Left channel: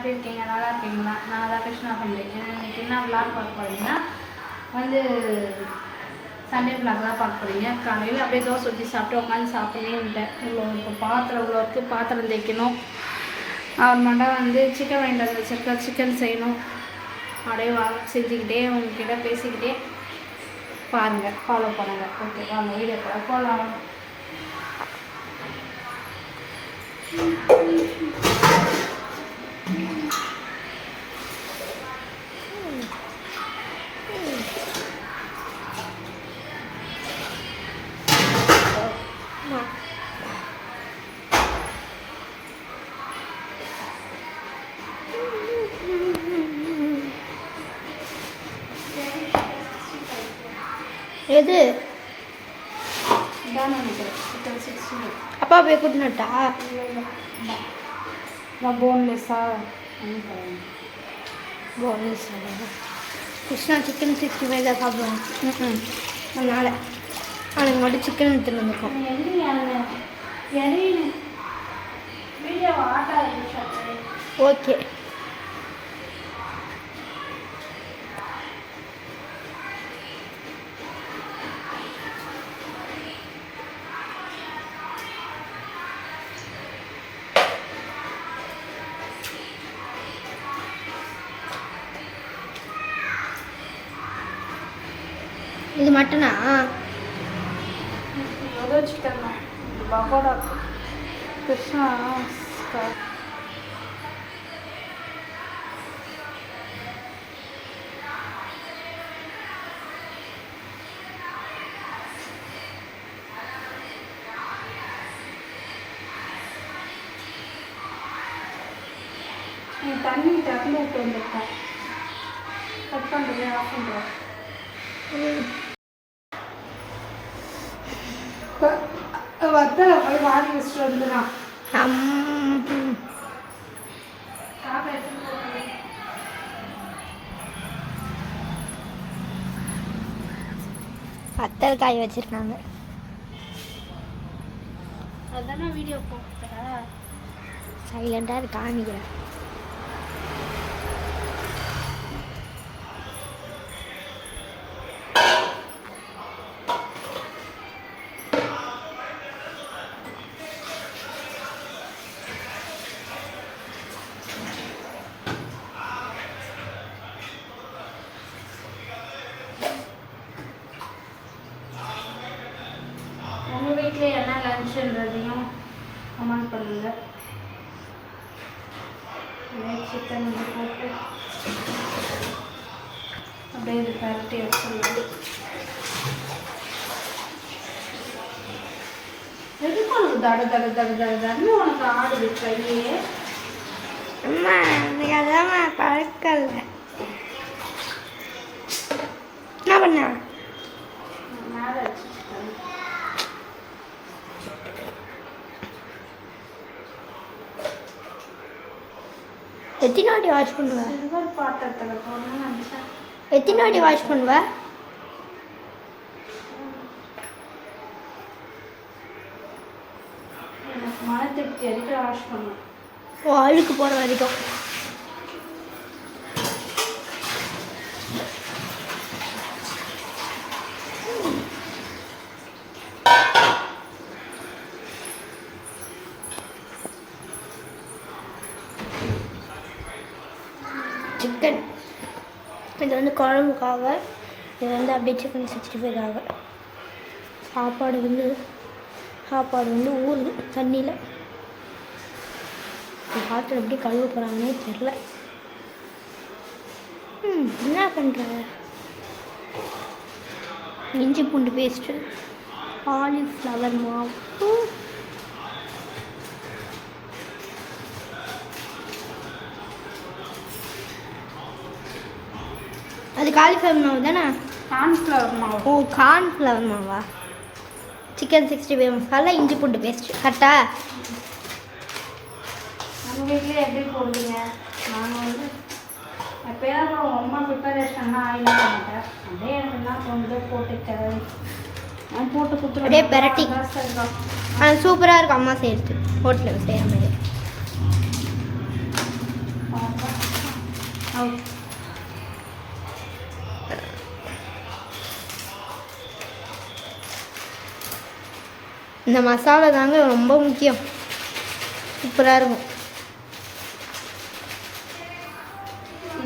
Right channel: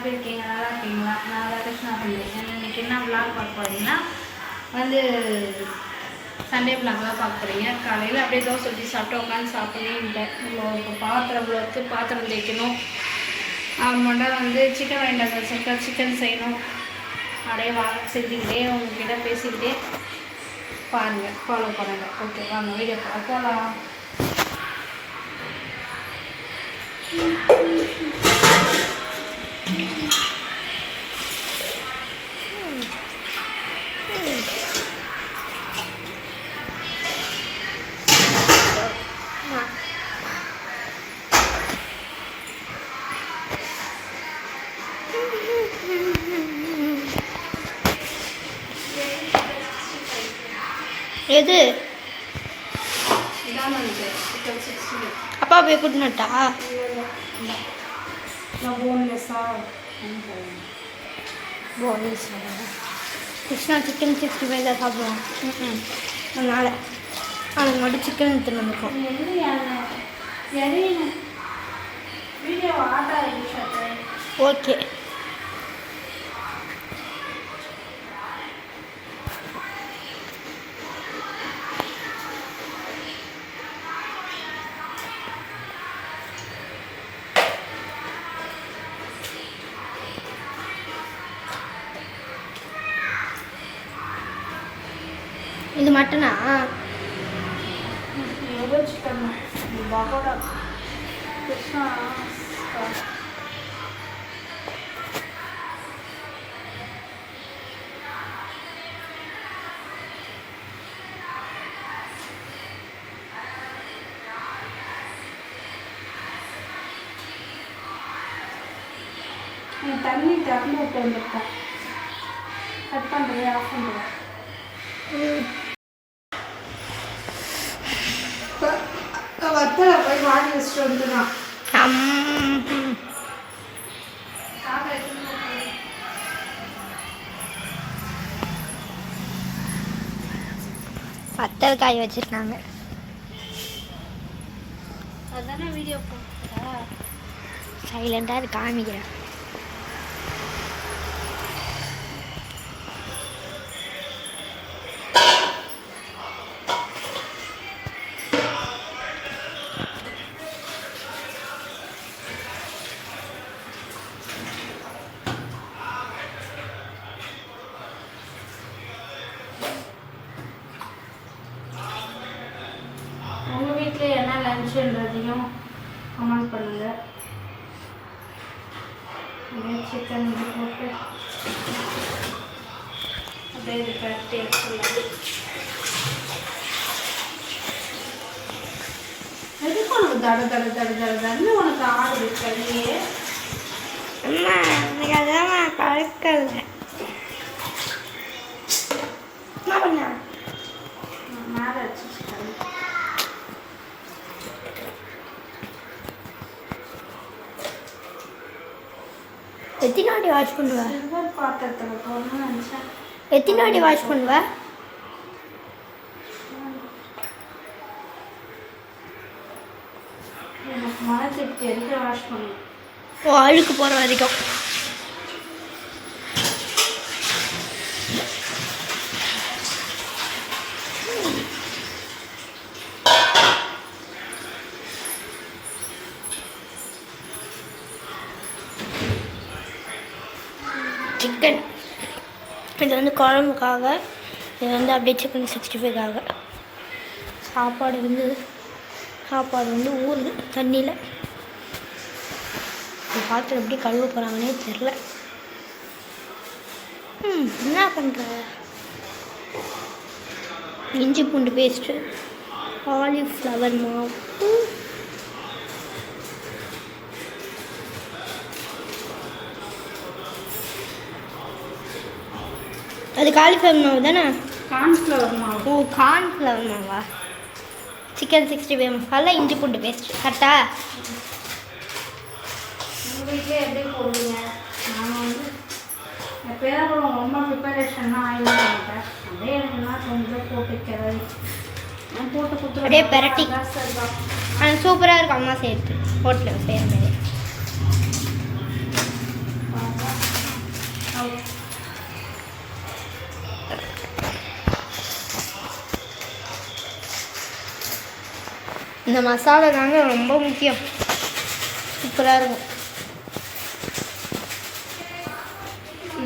எப்படி இருக்கீங்க? நல்லா இருக்கீங்களா? நான் தான் கிருஷ்ணா பண்ணுறேன். இன்றைக்கி என்ன விளாக் பார்க்க போகிறீங்கன்னா வந்து சண்டே விளாக்லாம் பார்க்க போகிறீங்க. காலையில் அப்படியே தோசை ஊற்றி சாப்பிட்டு உட்காந்து சாப்பிட்டேன்ட்டேன். இப்போ பாத்திரம் வச்சு பாத்திரம் தேய்க்கணும். அப்புறமாட்டா வந்து சிக்கன் வாங்கிட்டு வச்சிருக்கா, சிக்கன் செய்யணும். அப்படியே செஞ்சுக்கிட்டே உங்ககிட்ட பேசிக்கிட்டே பாருங்கள், ஃபாலோ பண்ணுங்கள். ஓகே, வாங்க வீடியோ போகலாம். எது அப்பா போய் கூட்டினட்டா? போன்லெஸ் கிருஷ்ணா சிக்கன் 65 தான் சாப்பிடுவான். அதனால் அவனுக்கு மட்டும் சிக்கன் எடுத்துன்னு வந்துருக்கோம். ஓகே, இது மட்டனா? சிக்கன் பகோடா கிருஷ்ணா தண்ணி டக்குனு விட்டு வந்துருக்கேன். கட் பண்ணுறது ஆஃப் பண்ணுறேன். வத்தலை போய் வாங்கி வச்சுட்டு வந்துதான் வத்தல் காய் வச்சிருக்காங்க. அதுதானே வீடியோ போட்டுறா. சைலண்டாக அது காமிக்கிறேன். உங்கள் வீட்டில் என்ன லன்ச்சுன்றதையும் கமெண்ட் பண்ணுங்கள். சிக்கன் இது போட்டு அப்படியே இது பரட்டி எடுத்துடலாம். எதுக்கு உனக்கு தடுன்னு உனக்கு ஆடுது கையே? அம்மா எனக்கு அதான் பழக்கல. என்ன பண்ண? மேலே வச்சுருக்கேன். எத்தனை வாட்டி வாஷ் பண்ணுவ? சில்வர் பாத்திரத்தில் போடணும்னு நினச்சேன். எத்தனை வாட்டி வாஷ் பண்ணுவ? எனக்கு மன திருப்தி எதுக்கு வாஷ் பண்ணுவேன். ஓ, அழுக்கு போகிற வரைக்கும். சிக்கன் இது வந்து குழம்புக்காக, இது வந்து அப்படியே சிக்கன் 65க்காக. சாப்பாடு வந்து ஊறுது தண்ணியில். பாத்திரம் எப்படி கழுவ போகிறாங்கன்னே தெரில. என்ன பண்ணுற? இஞ்சி பூண்டு பேஸ்ட்டு, காலிஃப்ளவர் மாவு, அது காலிஃப்ளவர் மாவு தானே? கார்ன்ஃப்ளவர் மாவு. ஓ, கார்ன்ஃப்ளவர் மாவா? சிக்கன் 65 மசாலா, இஞ்சி பூண்டு பேஸ்ட் கரெக்டா? உங்கள் வீட்லேயே எப்படி போடுவீங்க? நாங்கள் வந்து எப்போதான் கூட ரொம்ப ப்ரிப்பரேஷன்னா ஆயில் பண்ணிட்டேன். அதே என்ன கொஞ்சம் போட்டு கிளறி நான் போட்டு கொடுத்துருவேன். அப்படியே பெரட்டி சூப்பராக இருக்கும். அம்மா செய்யறது ஹோட்டலில் செய்கிற மாதிரி. இந்த மசாலா தாங்க ரொம்ப முக்கியம். சூப்பராக இருக்கும்.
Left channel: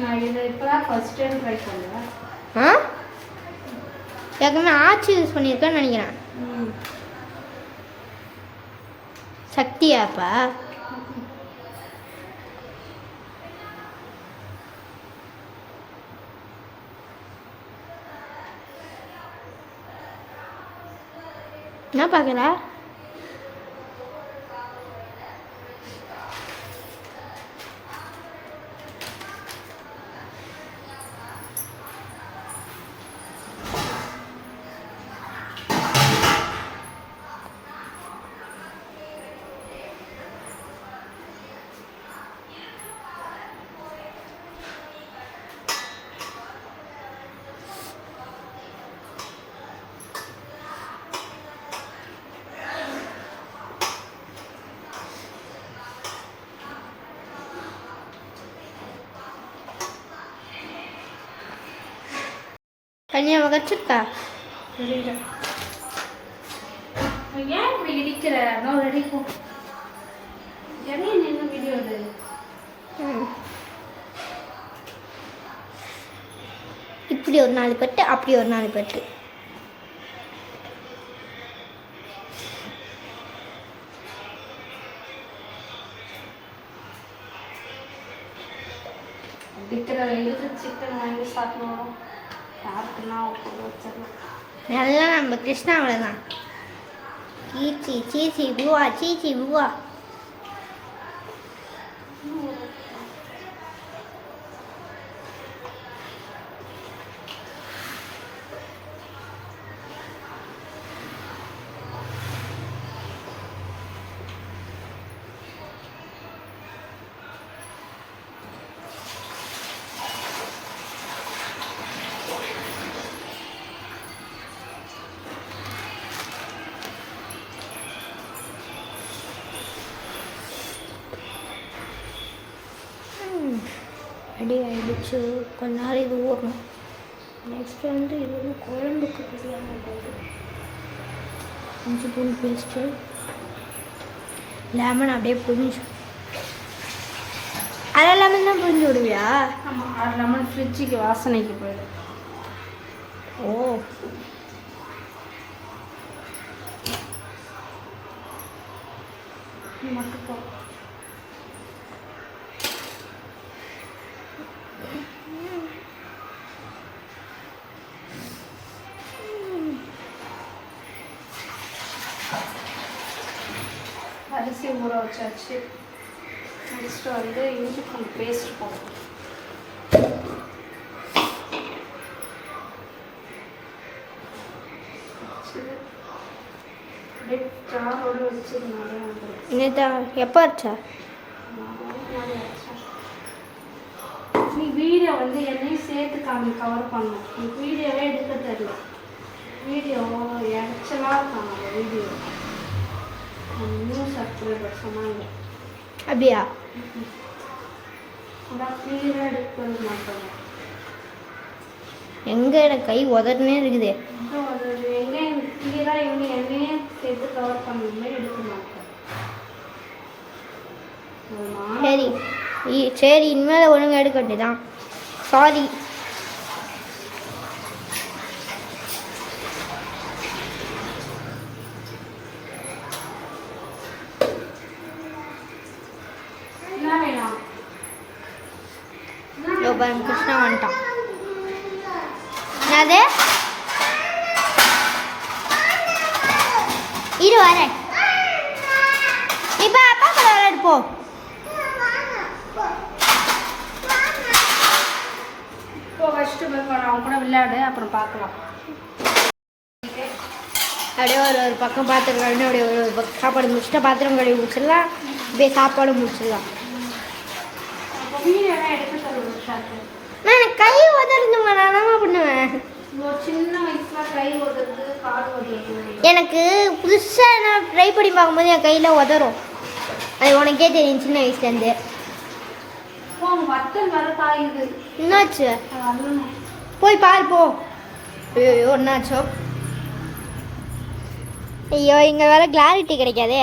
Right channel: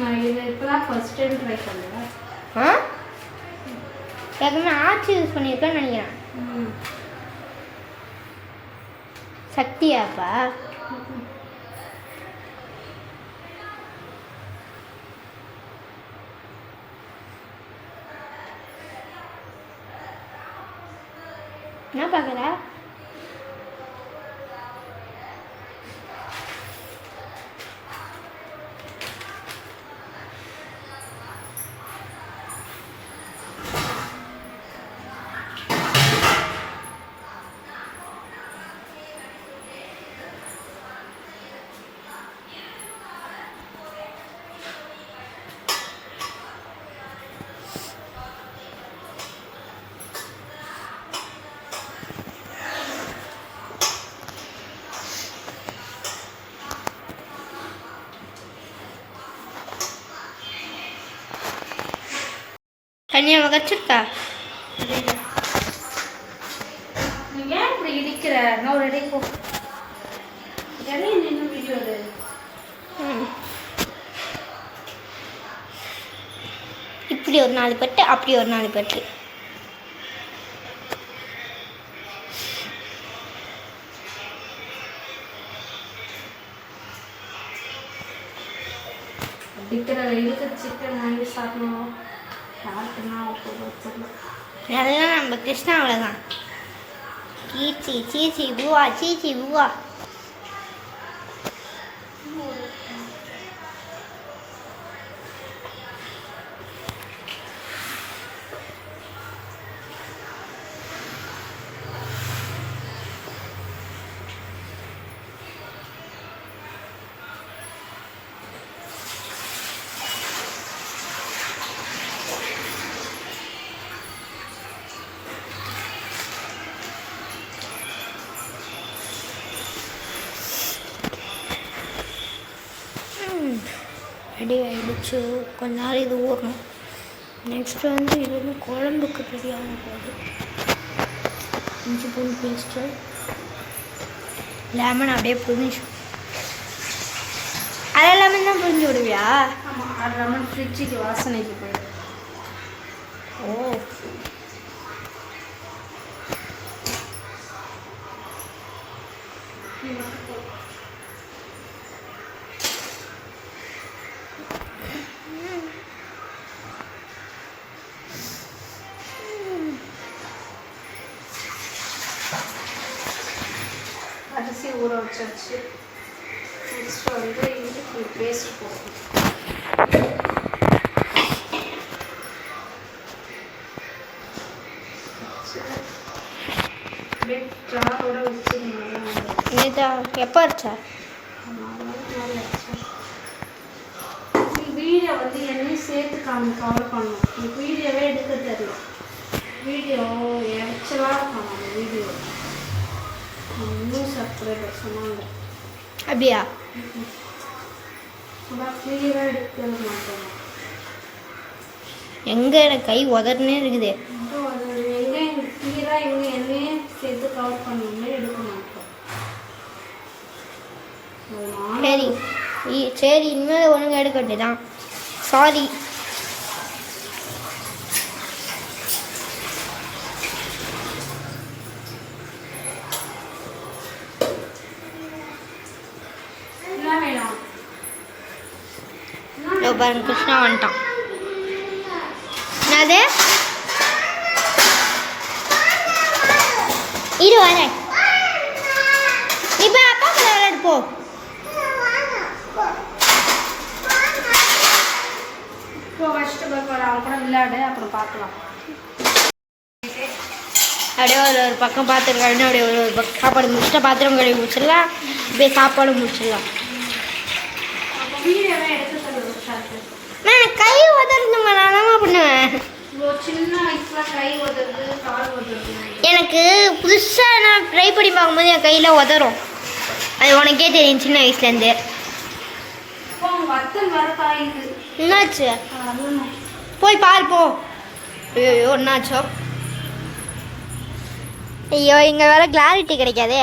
நான் இது இப்போ தான் ஃபர்ஸ்ட் டைம் ட்ரை பண்ணுவேன். ஏற்கனவே ஆச்சி யூஸ் பண்ணியிருக்கேன்னு நினைக்கிறேன். சக்தியாப்பா? என்ன பார்க்குற? தனியாக வகச்சிருக்கா? ஏன் இப்படி இடிக்கிற? நான் ஒரு இடிப்போம். இடையே நின்று வீடியோ அது. இப்படி ஒரு 4 பட்டு, அப்படி ஒரு 4 பட்டு. அடிக்கிற வெயிலுக்கு சிக்கன் வாங்கி சாப்பிடணும். நல்லா நம்ம கிருஷ்ணாவில் தான். சீச்சி சீச்சி பூவா, சீச்சி பூவா. ரெடி ஆகிடுச்சு. கொஞ்ச நாள் இது ஊறணும். நெக்ஸ்ட்டு வந்து இது வந்து குழம்புக்கு ரெடியாக போகுது. இஞ்சி பூண்டு பேஸ்ட்டு, லெமன் அப்படியே புரிஞ்சு. அதை லெமன் தான் புரிஞ்சு விடுவியா? ஆமாம், அது லெமன் ஃப்ரிட்ஜுக்கு வாசனைக்கு போயிடும். ஓ, அரிசி ஊற வச்சாச்சு. நெக்ஸ்ட் வந்து இஞ்சி பூண்டு பேஸ்ட் போடணும். அப்படியே ஜாரோட வச்சு எப்போ அரைச்சா? நீ வீடியோ வந்து என்னையும் சேர்த்து கவர் பண்ணணும். நீ வீடியோவே எடுக்க தெரியல. வீடியோ இறைச்சலாக இருக்காங்க அந்த வீடியோ. இன்னும் சப்ஸ்கிரைபர் சொன்னாங்க. அப்படியா? அதான் கிளியராக எடுக்கிறது மாட்டோம். எங்கே எனக்கு கை உதறனே இருக்குது. எங்கே கிளியராக இவங்க என்னையும் சேர்த்து கவர் பண்ணணும்னு எடுக்க மாட்டோம். சரி சரி, இனிமேல் ஒழுங்காக எடுக்க வேண்டியதான். சாரி. பாருங்க, கிருஷ்ணா வந்துட்டான். அது இரு வரேன். இப்போ அப்பா கூட விளையாடு போ. இப்போ ஃபஸ்ட்டு போய் அவன் கூட விளையாடு, அப்புறம் பார்க்கலாம். அப்படியே ஒரு பக்கம் பாத்திரம் கழுவி, அப்படியே ஒரு பக்கம் சாப்பாடு முடிச்சுட்டா பாத்திரம் கழுவி முடிச்சிடலாம். அப்படியே சாப்பாடு முடிச்சிடலாம். நான் கை உதறணுமா? நான் என்ன பண்ணுவேன்? சின்ன வயசுல கை உதறது, கால் உதறது. எனக்கு புதுசாக நான் ட்ரை பண்ணி பார்க்கும்போது என் கையில் உதறும். அது உனக்கே தெரியும் சின்ன வயசுலேருந்து. என்னாச்சு? போய் பாரு போ. ஐயோ என்னாச்சோ? ஐயோ இங்கே வேற கிளாரிட்டி கிடைக்காதே.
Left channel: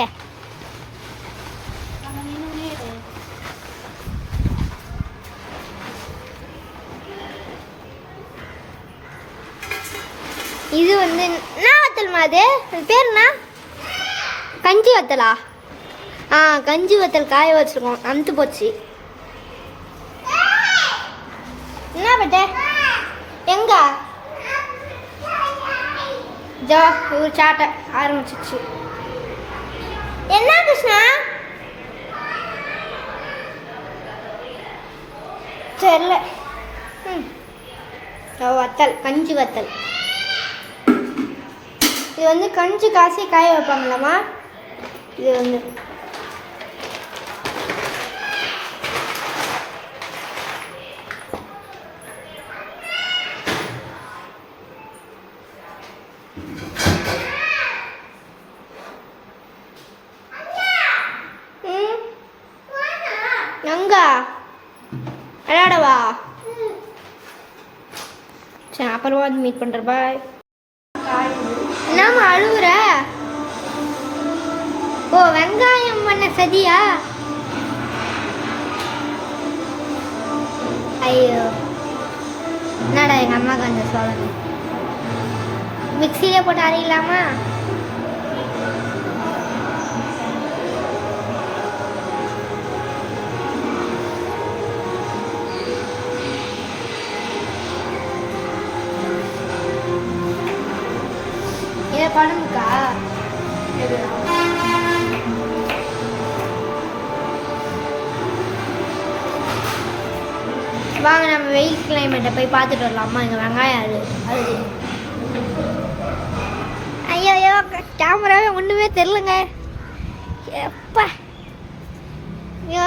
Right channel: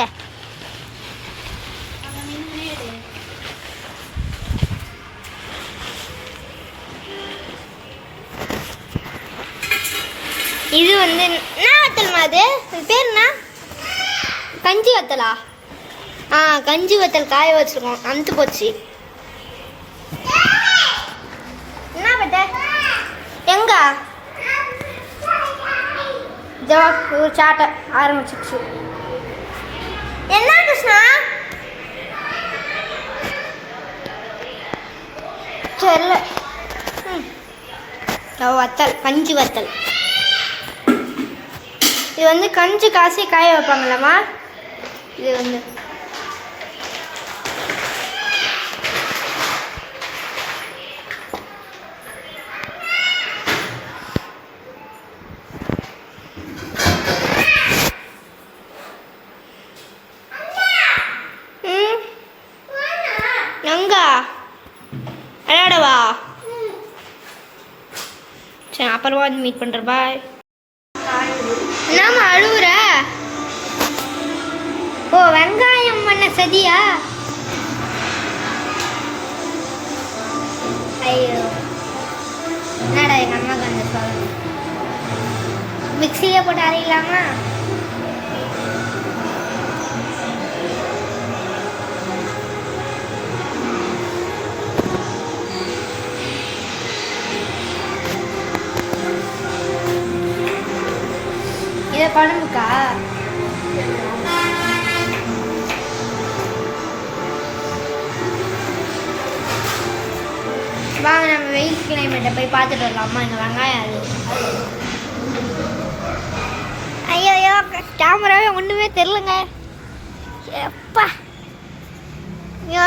இது வந்து என்ன வத்தல்மா? அது பேர் என்ன? கஞ்சி வத்தலா? ஆ கஞ்சி வத்தல் காய வச்சுருக்கோம், அமுத்து போச்சு. என்ன பட்ட எங்க ஜோ ஒரு சாட்டை ஆரம்பிச்சிச்சு. என்ன கிருஷ்ணா? தெரியல. வத்தல், கஞ்சி வத்தல். இது வந்து கஞ்சி காசி காய வைப்பாங்களாம்மா. இது வந்து எங்க விளையாடவா? சரி அப்புறமா வந்து மீட் பண்ணுற. பாய். என்னம்மா அழுவுற? ஓ வெங்காயம் பண்ண சதியா? ஐயோ என்னடா எங்கள் அம்மாவுக்கு அந்த சொல்லணும். மிக்சியிலே போட்டு அரைக்கலாமா? இதை குழம்புக்கா? வாங்க நம்ம வெயில் கிளைமேட்டை போய் பார்த்துட்டு வரலாமா? இந்த வெங்காயம் அது ஐயோ ஐயோ கேமராவே ஒன்றுமே தெரிலங்க. எப்பா ஐயோ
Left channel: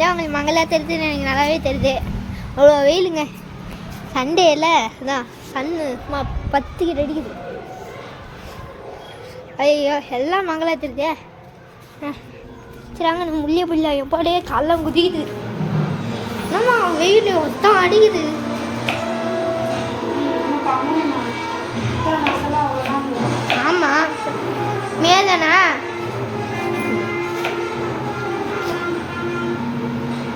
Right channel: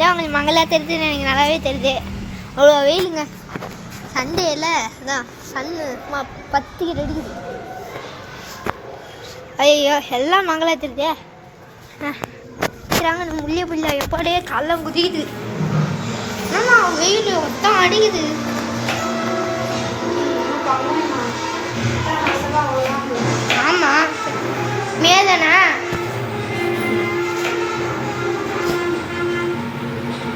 ஏன் உங்களுக்கு மங்களா தெரியுதுன்னு எனக்கு நல்லாவே தெரியுது. அவ்வளோ வெயிலுங்க. சண்டேல அதான் சன்னு பத்துக்கிட்டு அடிக்குது. ஐயோ எல்லாம் மங்களா தெரியுதே. சரி முள்ளிய புள்ள எப்பாடே காலம் குதிக்குது. ஆமா வெயில் மொத்தம் அடிக்குது. ஆமா மேதானா?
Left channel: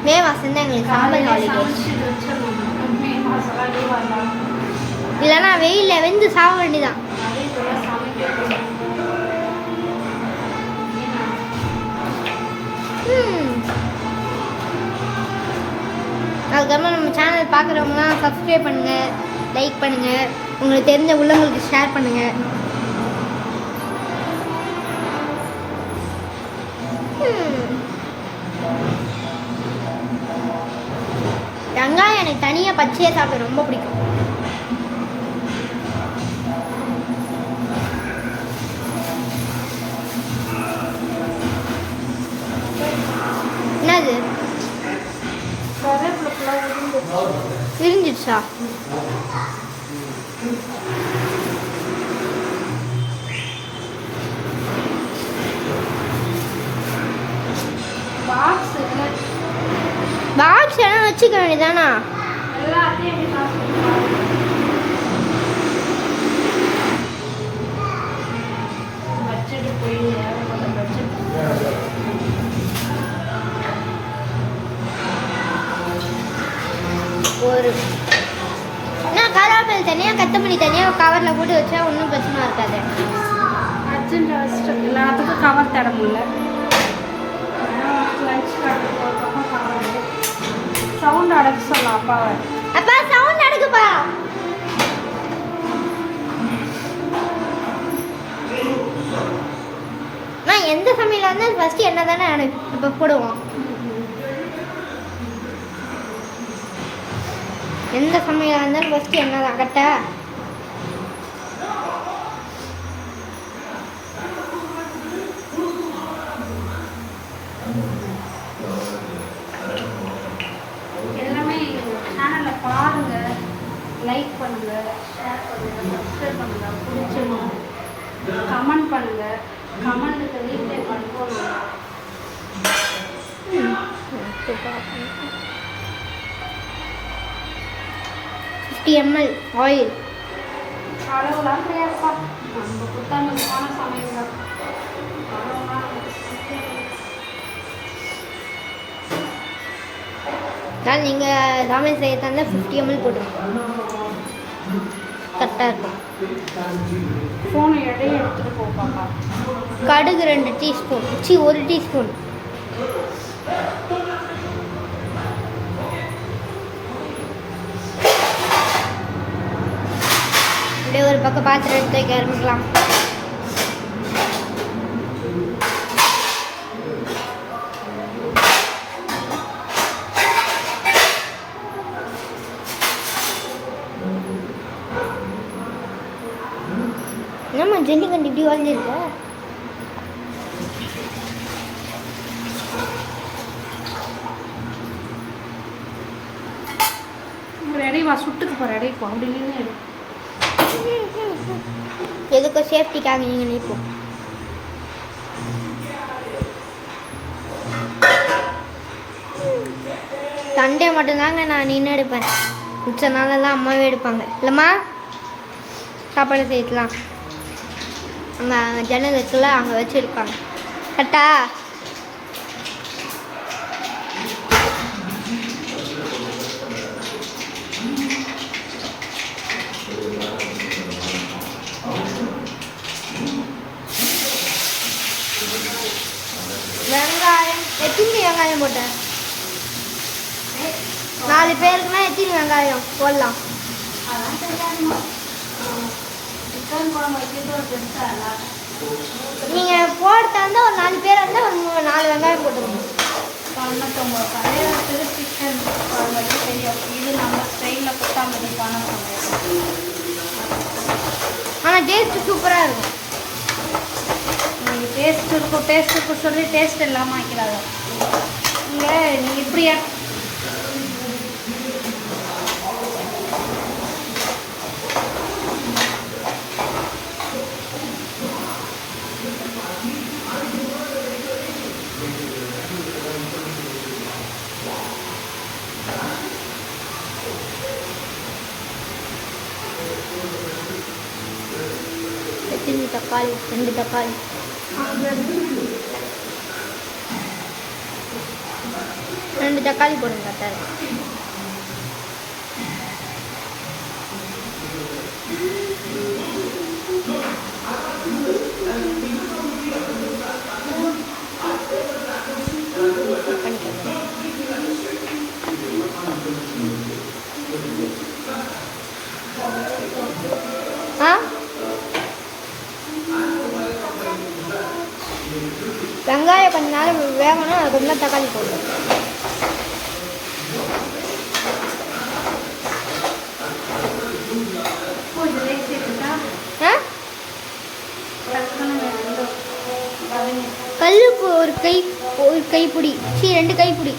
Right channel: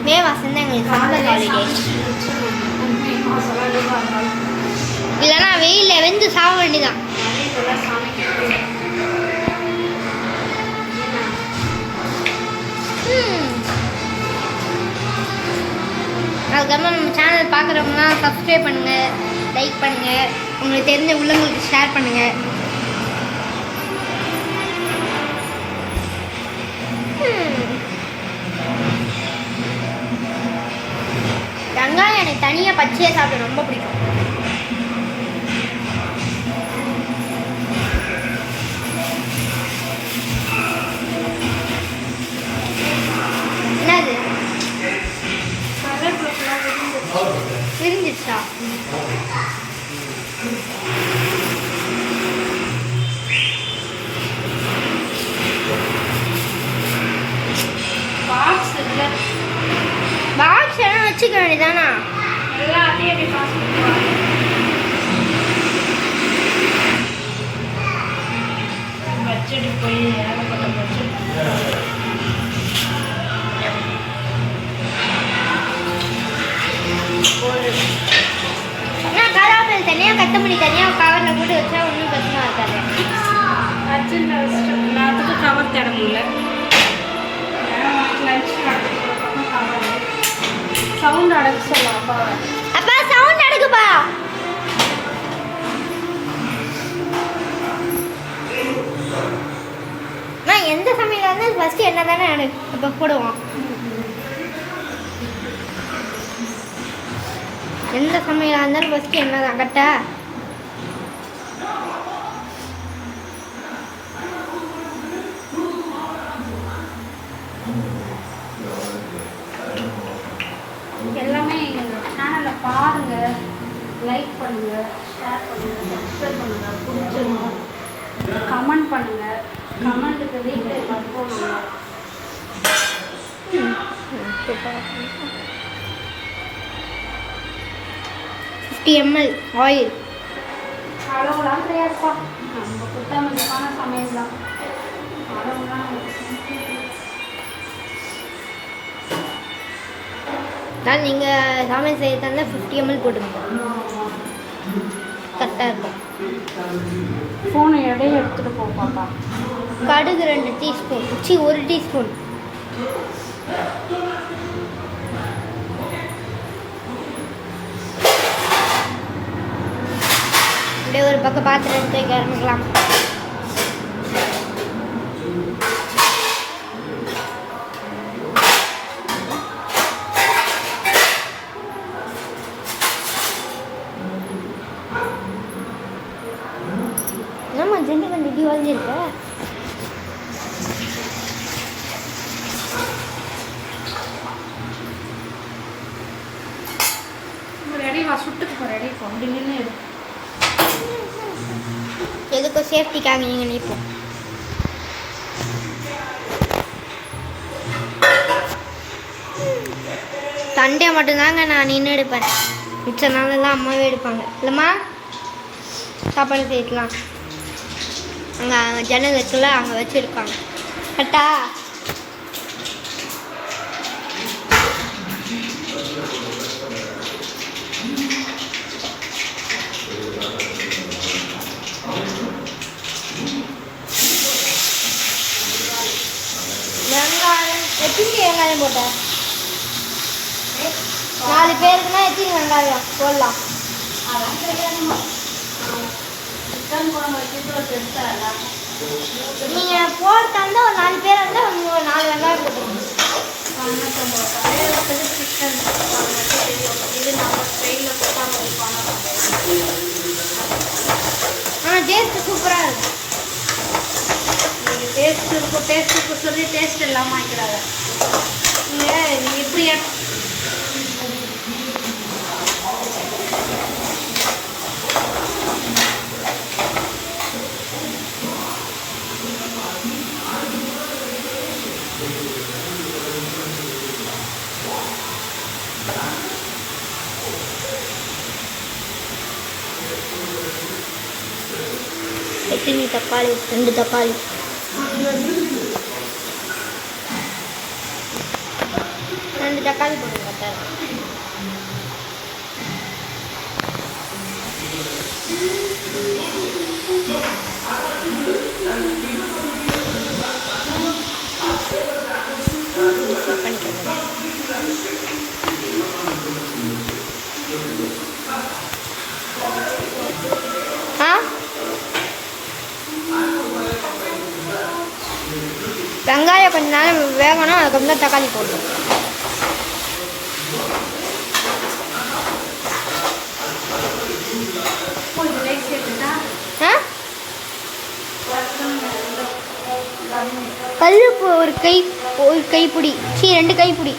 மே மாசம் தான் எங்களுக்கு சம்மர் ஹாலிடே. இல்லைன்னா வெயிலில் வெந்து சாக வேண்டிதான். அதுக்கப்புறம் நம்ம சேனல் பார்க்குறவங்களாம் சப்ஸ்கிரைப் பண்ணுங்கள், லைக் பண்ணுங்கள், உங்களுக்கு தெரிஞ்ச உள்ளவங்களுக்கு ஷேர் பண்ணுங்கள். வெங்காயம் எனக்கு தனியாக பச்சையாக சாப்பிட ரொம்ப பிடிக்கும். என்னது விரிஞ்சிடுச்சா? பாக்ஸ் எல்லாம் வச்சுக்க வேண்டியதானா? நான் கருவேப்பிலை தனியாக கத்தமல்லி தனியாக கவரில் போட்டு வச்சா ஒன்றும் பிரச்சனை இருக்காது. எல்லாத்துக்கும் கவர் தர முடியல. சவுண்ட் அடக்க சொல்லுவோம் அப்பாவை. அப்பா சவுண்ட் அடக்குப்பா. நான் எந்த சமையலாக இருந்தாலும் ஃபஸ்ட்டு என்ன தானே இப்போ போடுவோம். எந்த சமையலாக இருந்தாலும் ஃபஸ்ட்டு என்ன தான் கரெக்டா? எல்லாமே எங்கள் சேனலில் பாருங்கள், லைக் பண்ணுங்கள், ஷேர் பண்ணுங்கள், சப்ஸ்கிரைப் பண்ணுங்கள், பிடிச்சிருங்க, கமெண்ட் பண்ணுங்கள். கமெண்ட்டுக்கு ரீப்ளை பண்ணுவோம். சூப்பராக 50 ml ஆயில். அளவுலாம் கிடையாதுப்பா. நம்ம புத்தாண்டுக்கான சமையல் தான். நான் நீங்கள் சமையல் செய்ய தந்தா 50 ml போட்டுருங்க, கரெக்டாக இருக்கும். ஃபோன் எடையை எடுத்துகிட்டு போ பாப்பா. கடுகு 2 டீஸ்பூன், 1 டீஸ்பூன். அப்படியே ஒரு பக்கம் பாத்திரம் எடுத்து வைக்க ஆரம்பிக்கலாம். என்னம்மா ஜெண்டி கண்டி இப்படி வளைஞ்சிருக்க? ரெடி வா, சுட்டுக்கு போ, ரெடி போ, அப்படி நின்று எடு. எதுக்கும் சேஃப்டிக்காக நீங்கள் நிற்போம். சண்டே மட்டும்தாங்க நான் நின்று எடுப்பேன், மிச்ச நாளெல்லாம் அம்மாவே எடுப்பாங்க. இல்லைம்மா, சாப்பாடு செய்யலாம் அங்கே ஜன்னல் இருக்குல்ல, அங்கே வச்சு எடுப்பாங்க. கரெக்டா? வெங்காயம் எத்தனை வெங்காயம் போட்ட? 4 பேருக்குன்னா எத்தனை வெங்காயம் போடலாம்? நீங்கள் போடுறதா இருந்தால் ஒரு 4 பேர் இருந்தால் 4 வெங்காயம் போட்டுருங்க. ஆனால் டேஸ்ட்டு சூப்பராக இருக்கும். நீங்கள் டேஸ்ட்டு சொல்லி டேஸ்ட் இல்லாமல் வைக்கிறாங்க. இல்லை நீங்கள் இப்படியா எத்தனை தக்காளி? 2 தக்காளி. 2 தக்காளி போடுங்க, கரெக்டாக இருக்கும். பண்ணிக்கிறேன். ஆ, வெங்காயம் கொஞ்ச நேரம் வேகணும், அதுக்கப்புறம் தான் தக்காளி போடணும். ஆ, கல்லுப்பு ஒரு கைப்பிடி, 2 கைப்பிடி.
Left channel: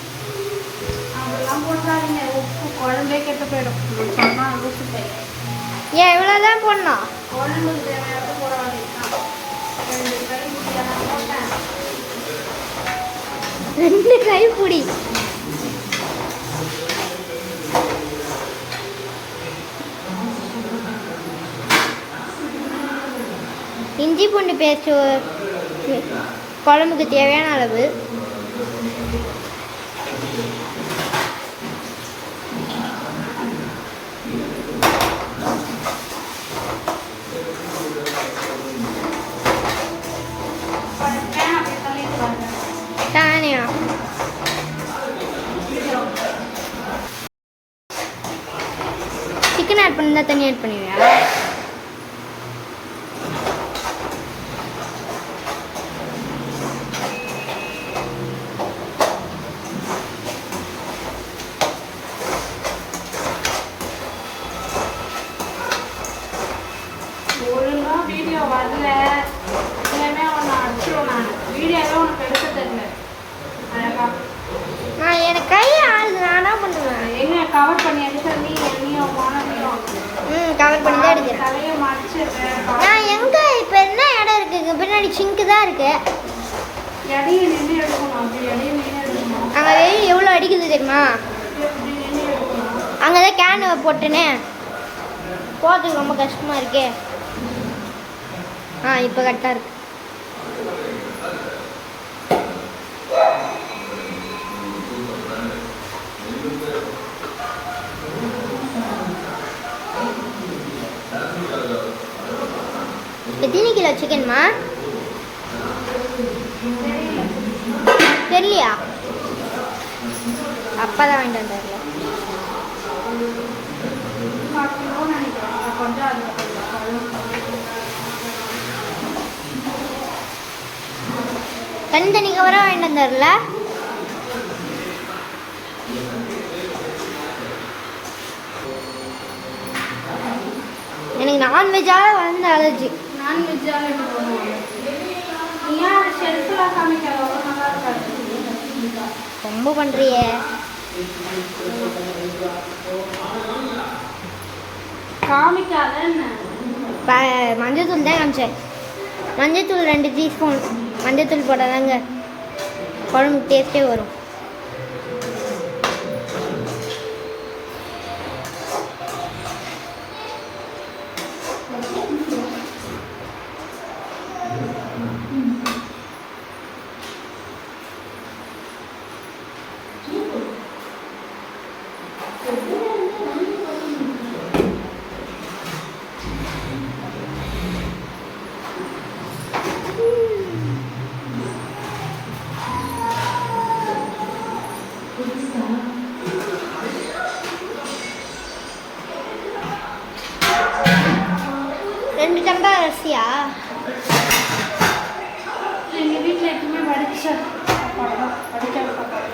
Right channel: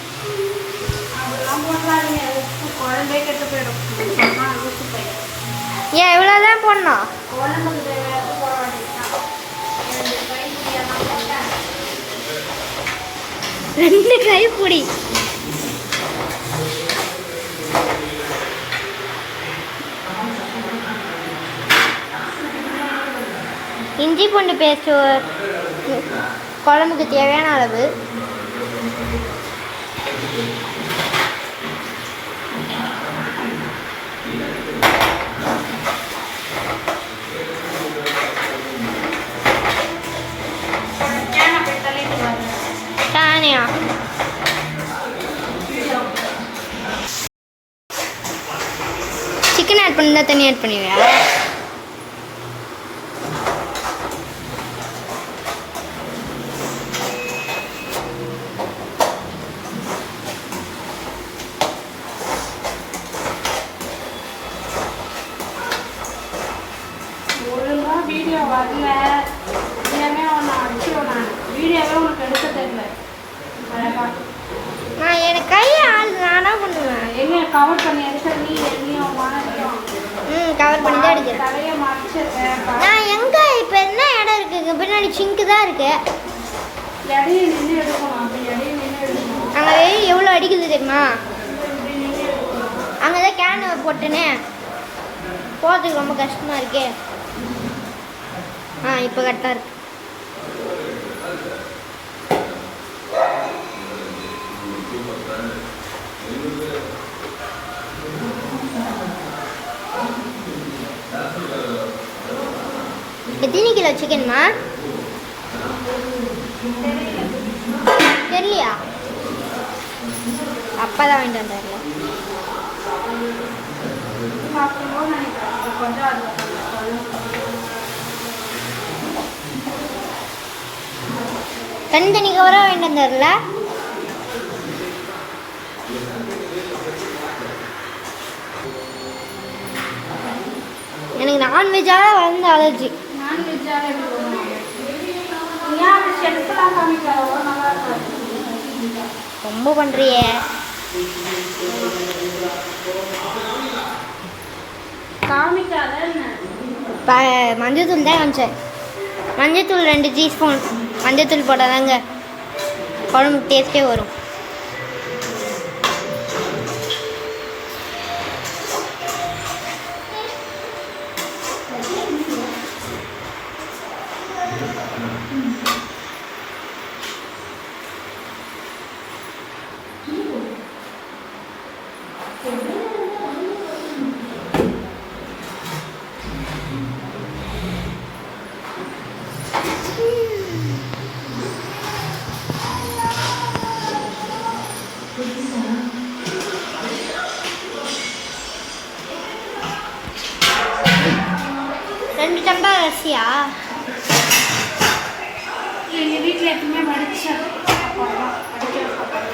குழம்பே கெட்டு போயிடும். ஏன் இவ்வளோதான் போடணும்? குழம்புக்கு தேவையான போட வேண்டியது 2 கைப்பிடியெல்லாம் போட்டேன். 2 கைப்பிடி. இஞ்சி பூண்டு பேஸ்ட் குழம்புக்கு தேவையான அளவு. தானியா சிக்கன் ஆட் பண்ணி தான் தண்ணி ஆட் பண்ணுவியா? ஒழுங்காக வீடியோ வரல, எல்லாமே ஒன்று அடிச்சிடும். நான் வீடியோவே உனக்கு எடுக்க தெரியல. அழகா நான் எனக்கு கை ஆள் நானா பண்ணுவேன். என்ன கவர் பண்ணி எடுக்க நீயும் மாணவியும் கவர் பண்ணி தான் எடுக்கிறேன். தலையை மடிச்சிருக்கேன். நான் எங்கே இப்போ என்ன இடம் இருக்குங்க? பின்னாடி சிங்க்கு தான் இருக்கு. இடையே நின்று எடுக்கணும். அப்படி இடையே நின்று எடுக்கணும். அங்கே வெயில் எவ்வளோ அடிக்குது தெரியுமா? அங்கே தான் கேன் போட்டுனே போகிறதுக்கு ரொம்ப கஷ்டமாக இருக்கு. இப்போ கரெக்டாக இருக்கு. எத்தனை கிலோ சிக்கன்மா? தெரியலையா? அப்பா தான் வாங்கிட்டு வந்தார்ல. தனி கவராக வாங்கிட்டு வந்தார்ல. எனக்கு நான்வெஜ்ஜாக வந்து அலர்ஜி. ரொம்ப பண்ணுறியே. மஞ்சத்தூள் தான் காமிச்சேன். மஞ்சத்தூள் 2 டீஸ்பூன் மஞ்சத்தூள் போட்டால் தாங்க குழம்புக்கு டேஸ்ட்டே வரும். ரெண்டு டம்ளர் அரிசியா? எங்கள் வீட்டில் எப்பவுமே வடிச்ச சாப்பாடு தான். வடிக்கிற சாப்பாடு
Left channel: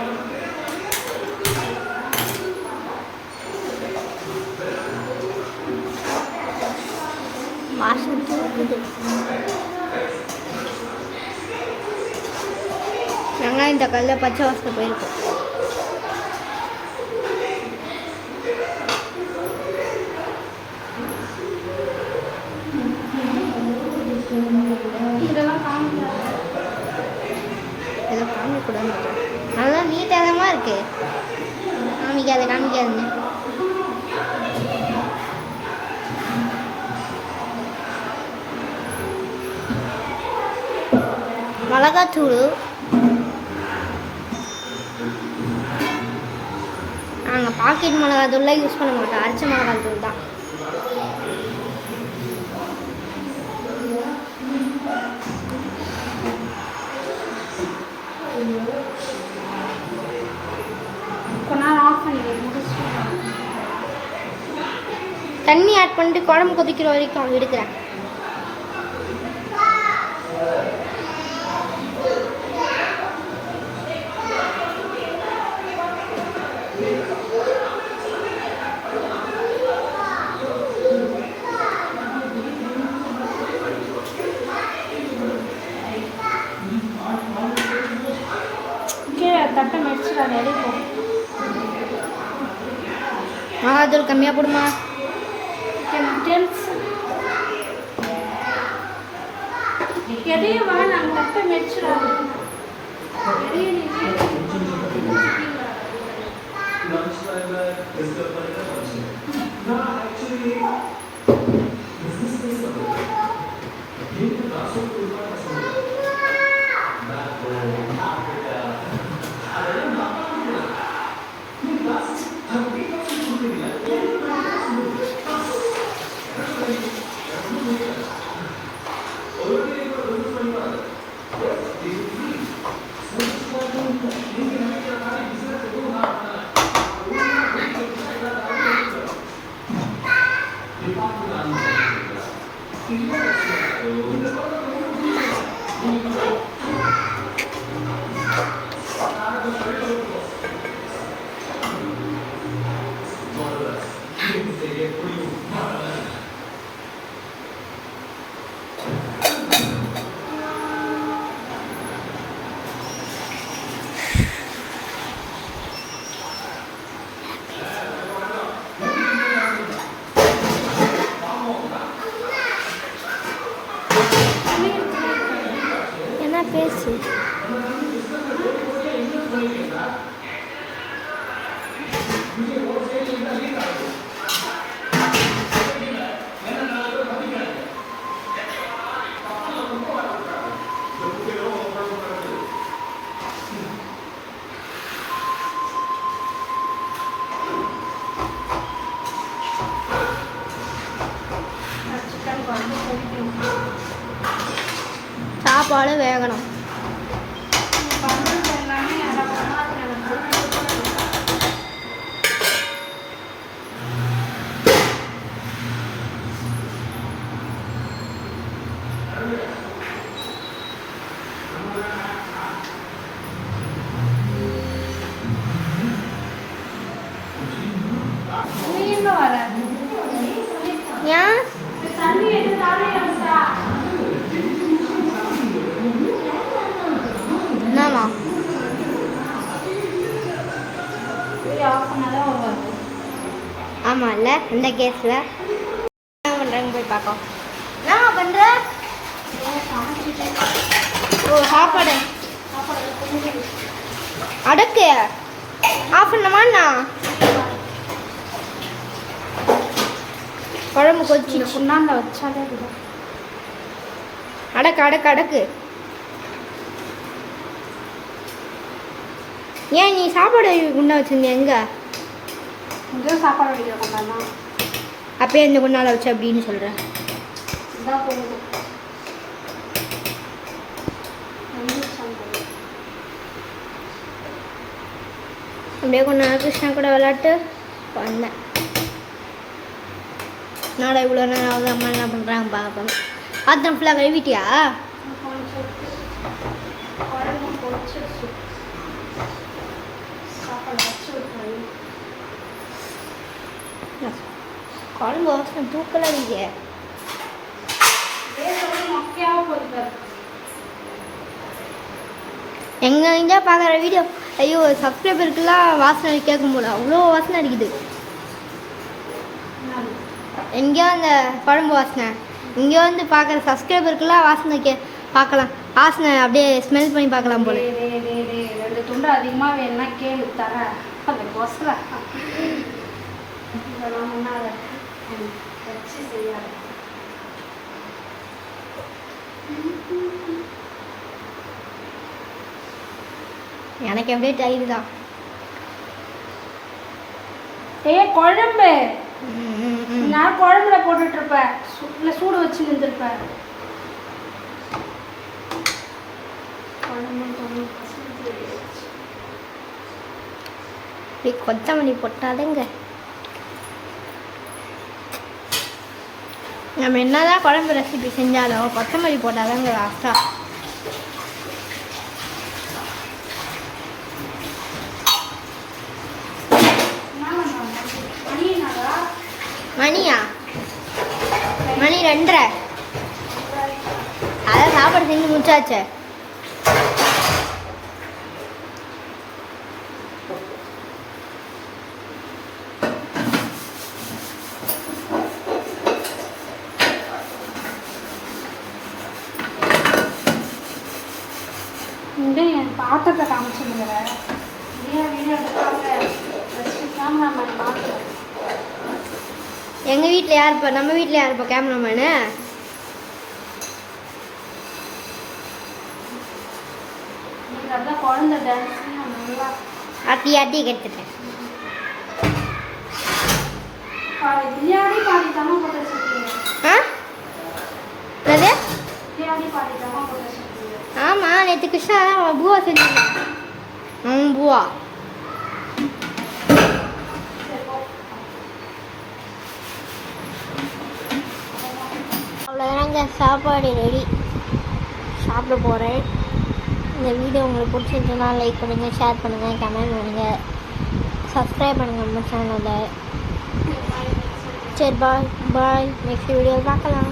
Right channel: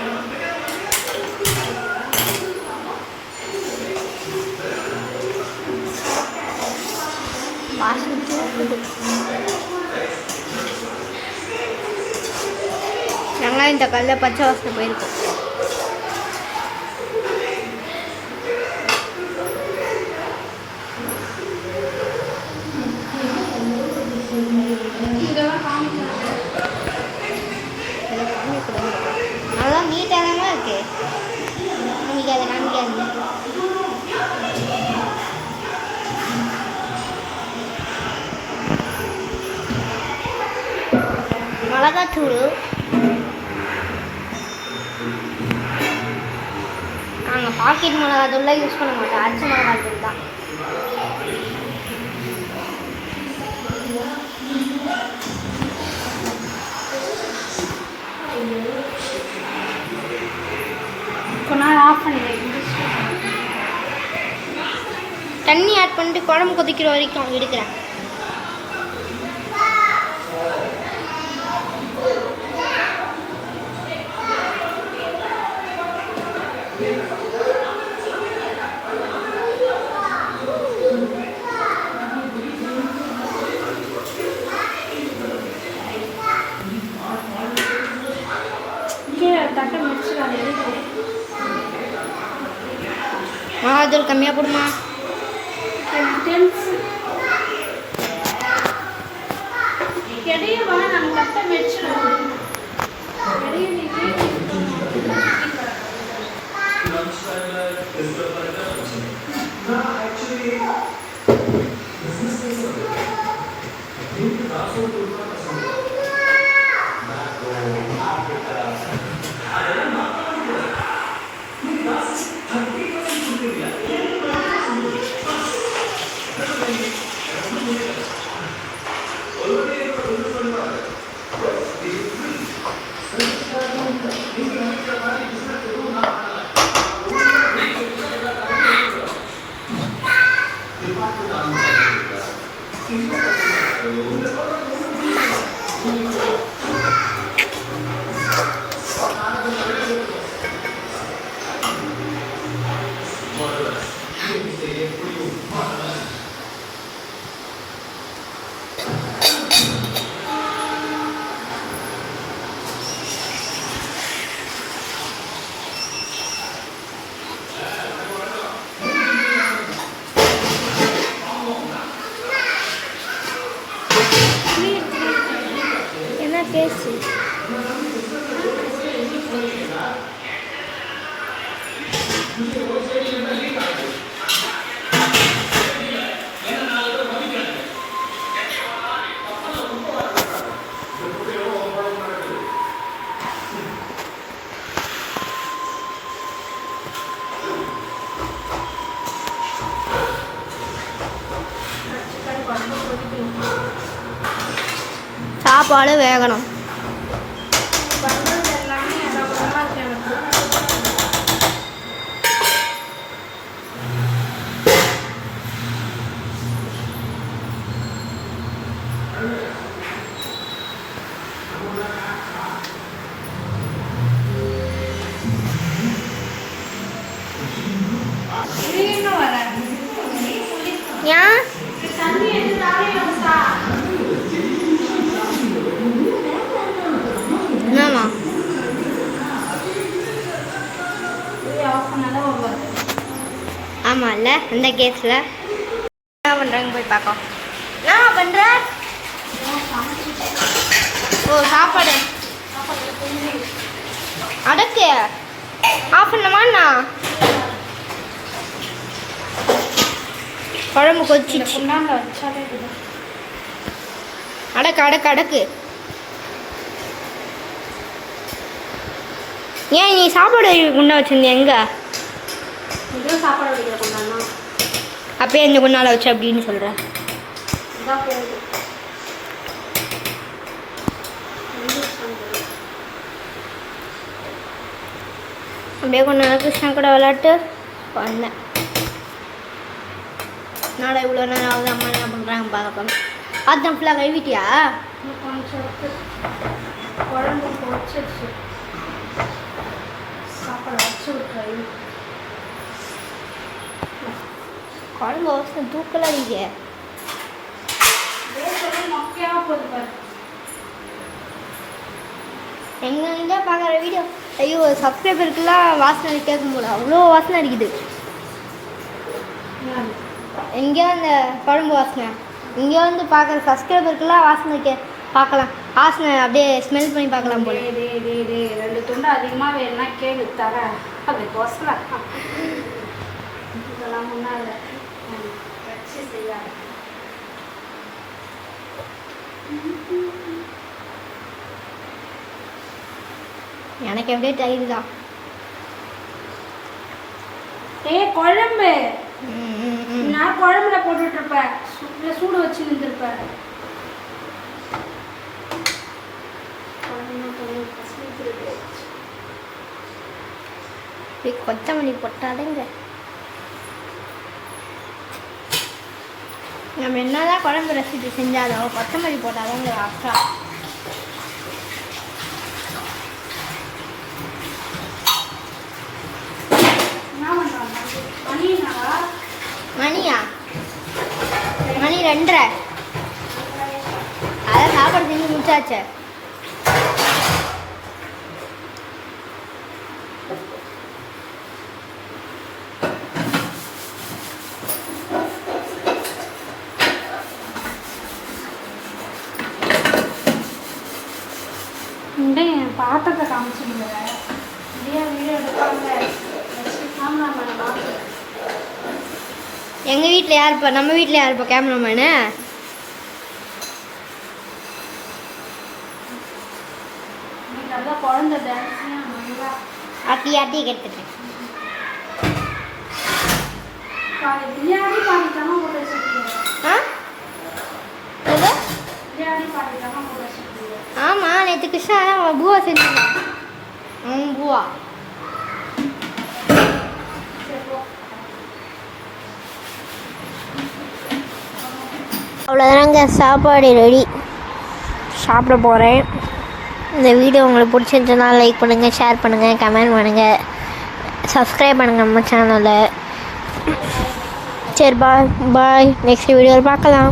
வெங்காயம் தக்காளியில் பச்சை வாசனை போயிருக்கோம். நல்லா நீட்டமாக இருக்கு. காமிக்காது. மிளகாத்தூள் நாங்கள் பாக்கெட் மிளகாத்தூள்லாம் யூஸ் பண்ண மாட்டோம். அரைச்ச மிளகாத்தூள் தான். தண்ணி ஆட் பண்ணிட்டு குழம்பு கொதிக்கிற வரைக்கும் எடுக்கிறேன். மிளகாத்தூள் கம்மியாக போடுமா? என்ன பேசு? சாப்பாடு வேகணும். எல்லாமே இடப்படமா இருக்கு எனக்கு. ஏன் என்னம்மா ஆமாம் இல்லை அந்த கேஸில் என்ன பண்ணுறாங்க போய் பார்க்கோம். என்ன பண்ணுற? ஓ சாப்பாடு அடக்கு ஆஃப் பண்ணமாண்ணா குழம்பு கொதிச்சிச்சு. அடக்கு அடக்கு அடக்கு. ஏன் நீ சாப்பாடு குண்டா வச்சிருந்திய எங்க? சாப்பாடு வைக்கிற கொண்டாண்ணா அப்பயே இந்த குண்டால வச்சு அப்படின்னு சொல்ற. அப்படியே கொஞ்ச நேரம் கிருஷ்ணா கூட விளையாட்டு வந்தேன். நாடா இவ்வளோ நேரம் ஆகுது, அம்மா என்ன பண்ணுறாங்க பார்க்க. அதான் ஃபுல்லாக கழுவிட்டியா? குழம்பு பொரிச்சிருச்சு. சாப்பாடு வச்சு விட்டுரு. குழம்பு வாசனை தூக்கலாம் நீங்க. மொக்கையாக போயிருக்காரு. எங்கே பார்க்குற வீடியோ ஐயோ சப்ஸ்கிரைபருக்குலாம் வாசனை கேட்கும் போது அவ்வளோ வாசனை அடிக்குது. எங்கேயோ அந்த குழம்பு வாசனை இங்கே வந்து பார்க்குற சப்ஸ்கிரைபருக்குலாம் வாசனை பார்க்கலாம். வாசனை அப்படியே ஸ்மெல் பண்ணி பார்க்கலாம் போல. 2 துண்டு அதிகமாக வேணும்னா கேளு தர. அப்படி கொசல இதெல்லாம் முன்னால் வச்சு செய்யாது. எனக்கு எப்படியே தயிர் தான். குழம்பு நான் குழம்புல போட்டுட்டு இருப்பேன். சூடு வச்சு நின்றுருப்பேன். கொத்தமல்லி போட்டாதுங்க. நம்ம என்னதான் குழம்பு ரெசிபி செஞ்சாலும் கொத்தமல்லி போட்டாதாங்க லாஸ்டா. மணியா? மணி 2:30. அதான் சாப்பாடு செஞ்சு முடிச்சாச்சு. பாத்திரத்தை காமிச்சுடுங்க. வீடியோ எடுப்பாங்க. கேமராமேன் பார்த்து எங்கள் வீட்டில் யார் இப்போ? நம்ம வீட்டில் யார் இப்போ கேமராமேனு? குழந்தை டான்ஸ் ஆட்டி ஆட்டி கற்றுட்டேன். பிரியாணி பாடித்தாமா போட்டு வச்சுருக்கீங்க. பிரியாணி பாடித்தாமா போட்டு வச்சுருக்கீங்க. ஆமாம், நேற்று கிருஷ்ணா தான் பூவா செஞ்சுருக்கேன். பூவா அவ்வளோதாங்க, சாப்பாடு ரெடி. சாப்பிட போகிறேன். இந்த வீடியோ உங்களுக்கு பிடிச்சிருந்துச்சுன்னா லைக் பண்ணுங்கள், ஷேர் பண்ணுங்கள், கமெண்ட் பண்ணுங்கள், சப்ஸ்கிரைப் பண்ணுங்கள் நம்ம சேனலை. சரி பாய் பாய். நெக்ஸ்ட் வீடியோவில் பார்க்கலாம்.